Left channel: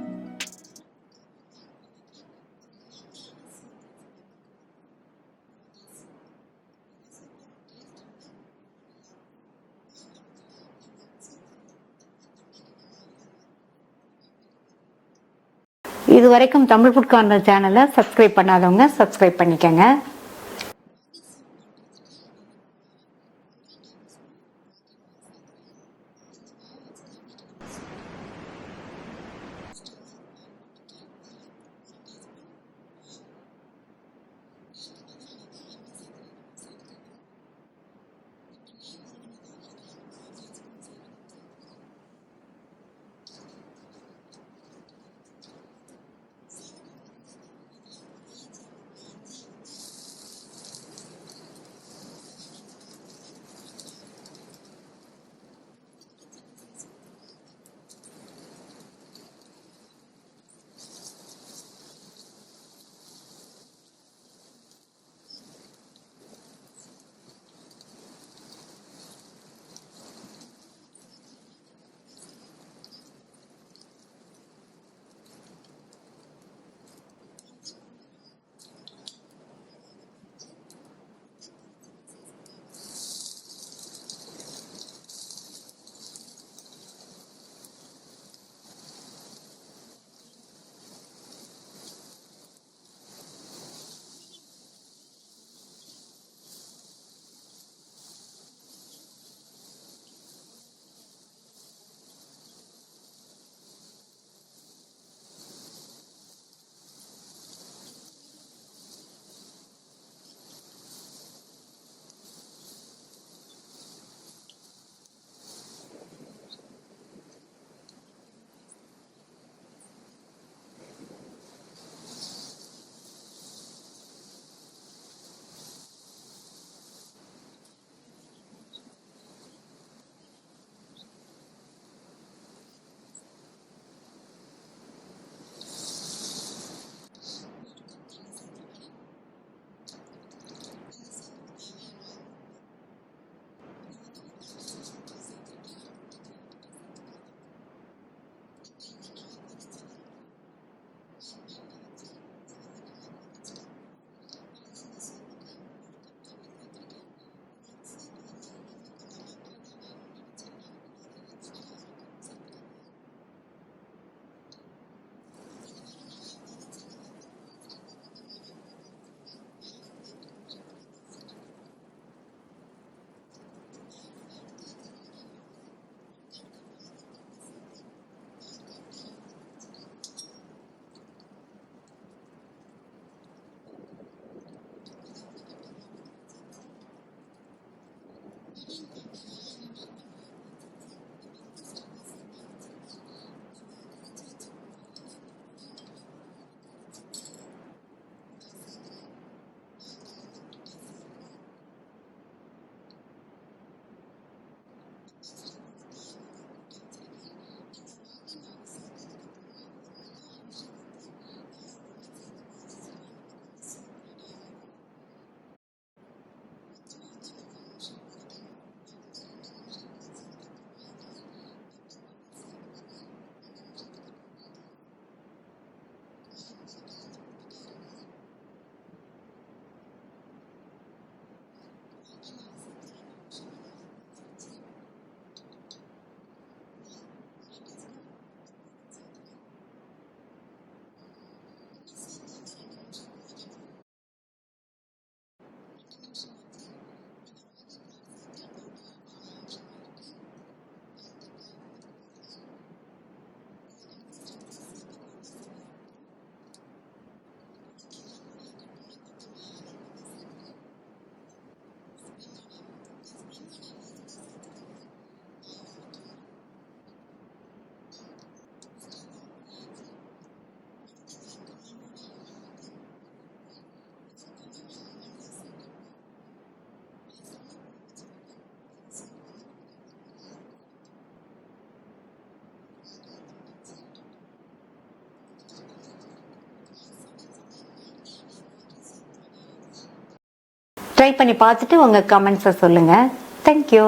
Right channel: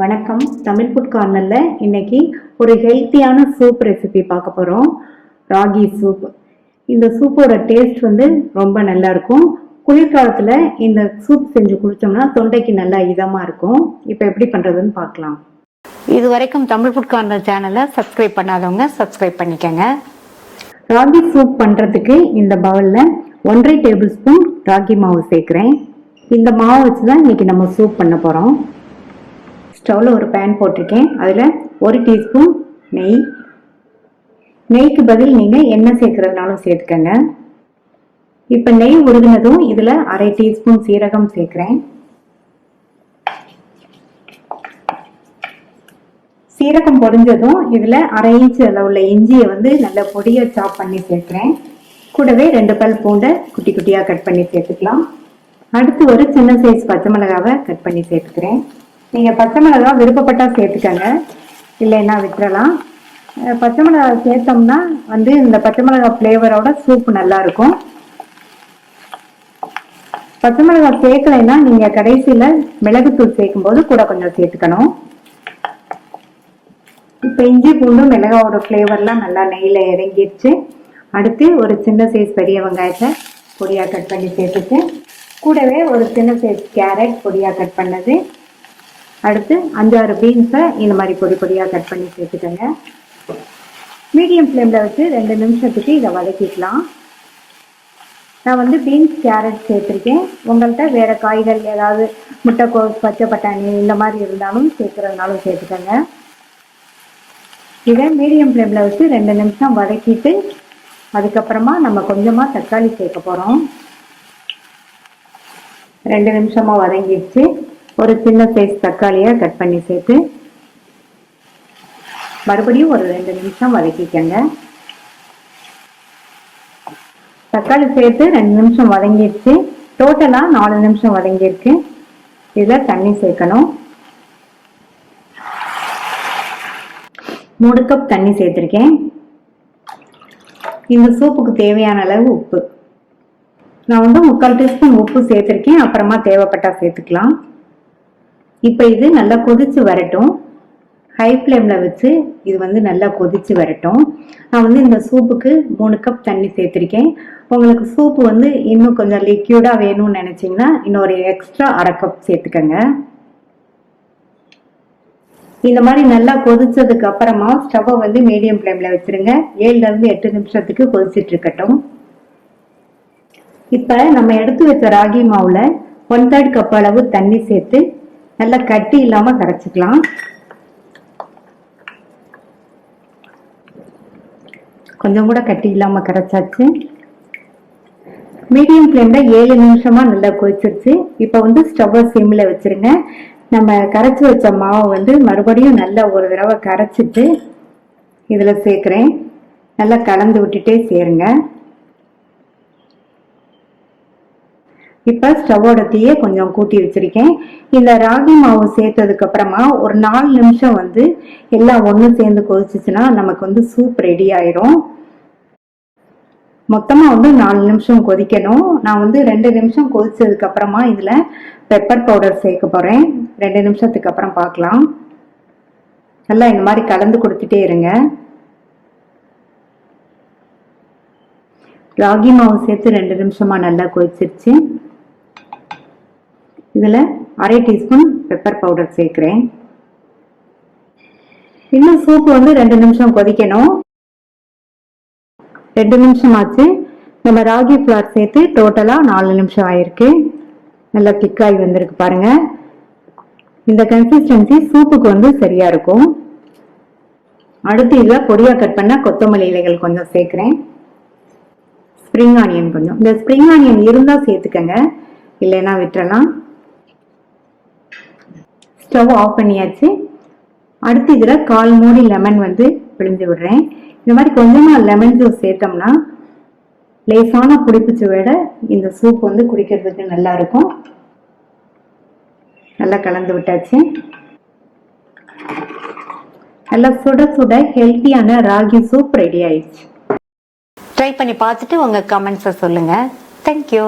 வணக்கம். தமிழ் ஃபுட் கார்னரில் இன்னைக்கு ஒரு ஹெல்த்தியான சூப் ரெசிபி பார்க்க போகிறோம். ராகி சூப். இந்த சூப்போட டேஸ்ட் ரொம்ப நல்லா இருக்கும். குளிர்காலத்தில் இந்த சூப் செஞ்சு குடித்தோம்னா தொண்டைக்கு நல்லா இதமாக இருக்கும். இப்போ எப்படி பண்ணுறதுன்னு பார்க்கலாம். இது வரைக்கும் தமிழ் ஃபுட் கார்னர் சேனலை சப்ஸ்கிரைப் பண்ணாதவங்க சப்ஸ்கிரைப் பண்ணிக்கங்க. ராகி சூப் பண்ணுறதுக்கு இந்த பவுலில் 1.5 டேபிள் ஸ்பூன் ராகி மாவு சேர்க்குறேன். இந்த மாவு வச்சு தான் இன்னைக்கு நம்ம சூப் பண்ண போகிறோம். ஸ்டவ்வில் ஒரு பேன் போட்டிருக்கேன். அதில் 1 டீஸ்பூன் நெய். நெய்க்கு பதில் நீங்கள் எண்ணெய் சேர்க்குறதுனாலும் சேர்த்துக்கங்க. இப்போ நெய் உருகினதும் இதில் 1/2 டீஸ்பூன் சீரகம் சேர்க்குறேன். சீரகம் பொரிஞ்சதும் இதில் 1/2 இன்ச் அளவுள்ள இஞ்சியை நல்ல பொடியாக சாப் பண்ணி சேர்க்குறேன். கூடவே 2 பல் பூண்டை குட்டி குட்டியாக கட் பண்ணி சேர்த்துக்கலாம். அடுத்து ஒரு சின்ன சைஸ் பச்சை மிளகாவை கட் பண்ணி சேர்த்துக்கிறேன். நீங்கள் பச்சை மிளகா விருப்பப்பட்டால் சேர்த்துக்கங்க, இல்லைன்னா விட்டுறலாம். பச்சை மிளகா சேர்த்தோம்னா இந்த பச்சை மிளகா ஃப்ளேவரோட சூப் நல்லா இருக்கும். பச்சை மிளகா சேர்க்கலைன்னா நீங்கள் கடைசியில் மிளகுத்தூள் சேர்க்கும்போது கூட கொஞ்சம் சேர்த்துக்கணும். இப்போ இஞ்சி பூண்டு மிளகாவோட ஃப்ளேவர்லாம் நல்லா நெய்யில் இறங்கிடுச்சு. அடுத்து ஒரு சின்ன சைஸ் பெரிய வெங்காயத்தை பொடியாக கட் பண்ணி சேர்த்துட்டு, கூடவே ஒரு சின்ன சைஸ் கேரட் பொடியாக கட் பண்ணது, அடுத்து 5-6 பீன்ஸை இந்த மாதிரி பொடி பொடியாக கட் பண்ணி சேர்த்துக்கங்க. மீடியம் ஃப்ளேமில் வச்சு 2 நிமிஷத்துக்கு இதை வதக்கிக்கலாம். நான் பீன்ஸ் கேரட் சேர்த்துருக்கேன். உங்கள்கிட்ட வேறு காய்கள் ஏதாவது முட்டைக்கோஸ் பச்சை பட்டாணி இந்த மாதிரி இருந்தாலும் சேர்க்குறதுனாலும் சேர்த்துக்கங்க. இதை மீடியம் ஃப்ளேமில் வச்சு 2 நிமிஷம் வதக்கிட்டு அதுக்கப்புறமா நம்ம கொஞ்சமாக தக்காளி சேர்க்க போகிறோம். 2 நிமிஷமாக வதங்கிடுச்சு. ஒரு சின்ன சைஸ் தக்காளியை கட் பண்ணி சேர்த்து மறுபடியும் ஒரு 2 நிமிஷம் வதக்கிக்கங்க. தக்காளி சேர்த்து 2 நிமிஷம் வதங்கிடுச்சு. டோட்டலாக 4 நிமிஷம் வதங்கியிருக்கு. இதில் தண்ணி சேர்க்கணும். 3 கப் தண்ணி சேர்த்துருக்கேன். இந்த சூப்புக்கு தேவையான அளவு உப்பு. நான் 3/4 டீஸ்பூன் உப்பு சேர்த்துருக்கேன். அப்புறமா தேவைப்பட்டால் சேர்த்துக்கலாம். இப்போ இது நல்லா கொதிச்சு வரட்டும். ஹை ஃப்ளேமில் வச்சு இது நல்லா கொதிச்சு வரட்டும். நான் இந்த சூப்புக்கு 3 கப் தண்ணி சேர்த்துருக்கேன். உங்களுக்கு சூப்பு இன்னும் கொஞ்சம் லிக்யூடாக வேணும்னு நினச்சிங்கன்னா இன்னொரு எக்ஸ்ட்ரா 1/2 கப் சேர்த்துக்கங்க. இந்த மாதிரி நல்லா கொதிச்சதுக்கு அப்புறமா ஸ்டவ்வை மீடியம் ஃப்ளேமில் வச்சுருங்க. 7-8 நிமிஷத்துக்கு கொதிச்சுட்டு இருக்கட்டும். இப்போ நம்ம எடுத்து வச்ச ராகி மாவில் 1/3 கப் அளவு தண்ணி சேர்த்து நல்லா கட்டி இல்லாமல் கரைச்சிக்கலாம். கொஞ்சம் கூட கட்டி இல்லாமல் கரைச்சாச்சு. மீடியம் ஃப்ளேமில் 7 நிமிஷமாக நல்லா கொதிச்சிருச்சு. இப்போ ஸ்டவ்வை சிம்மில் வச்சுருங்க. நம்ம கரைச்சி வச்ச மாவை மறுபடியும் நல்லா ஒரு தடவை கரைச்சிட்டு இதில் சேர்க்குறேன். நல்லா கலந்து விட்டுட்டே சேருங்க. இப்போ ஸ்டவ்வோட தீயை கொஞ்சம் கூட்டி வச்சிருக்கேன். இந்த ராகி மாவு சேர்த்ததுக்கு அப்புறமா ஒரு 4 நிமிஷம் எல்லாம் ஒன்று சேர்ந்து கொதிச்சுச்சுன்னா நமக்கு சூப் ரெடி ஆயிரும். மொத்தமாக 4 நிமிஷம் கொதிக்கணும். நான் 2 நிமிஷம் கொதிச்சதுக்கு அப்புறமா இதில் பெப்பர் பவுடர் சேர்க்க போகிறேன். 2 நிமிஷத்துக்கு அப்புறம் பார்க்கலாம். நல்லா இந்த மாதிரி கலந்து கொடுத்துட்டே இருங்க. ராகி மாவு சேர்த்து 2 நிமிஷமாக நல்லா கொதிச்சிருச்சு. இதில் 1/2 டீஸ்பூன் பெப்பர் பவுடர் சேர்க்குறேன். இன்னும் சூப்பு 2 நிமிஷம் கொதிக்கணும். 2 நிமிஷம் ஆச்சு. நம்ம ராகி ஃப்ளார் சேர்த்து டோட்டலாக 4 நிமிஷம் ஆயிருக்கு. நல்லா திக்காய் வந்திருக்கு பாருங்க. இந்த கன்சிஸ்டன்சி சூப்புக்கு சரியா இருக்கும். அடுத்து இதில் பொடியாக கட் பண்ண கொத்தமல்லி இலைகள் கொஞ்சம் சேர்க்குறேன். ஸ்ப்ரிங் ஆனியன் கொஞ்சம். இந்த ஸ்ப்ரிங் ஆனியன் இருந்தால் சேர்த்துக்கங்க, இல்லைன்னா விட்டுறலாம். ஸ்டவ் ஆஃப் பண்ணியாச்சு. அடுத்து இதில் 1/4 மூடி லெமன் பிழிஞ்சு விடுறேன். இந்த மாதிரி கொஞ்சமாக லெமன் ஜூஸ் சேர்த்தோம்னா லேசான புளிப்பு சுவையோட இந்த சூப் குடிக்கிறதுக்கு நல்லா இருக்கும். நல்லா கலந்து விட்டாச்சு. நல்லா சுட சுட ஹெல்த்தியான ராகி சூப் ரெடி ஆயிடுச்சு. ட்ரை பண்ணி பார்த்துட்டு உங்கள் கமெண்ட்ஸை சொல்லுங்கள். தேங்க்யூ.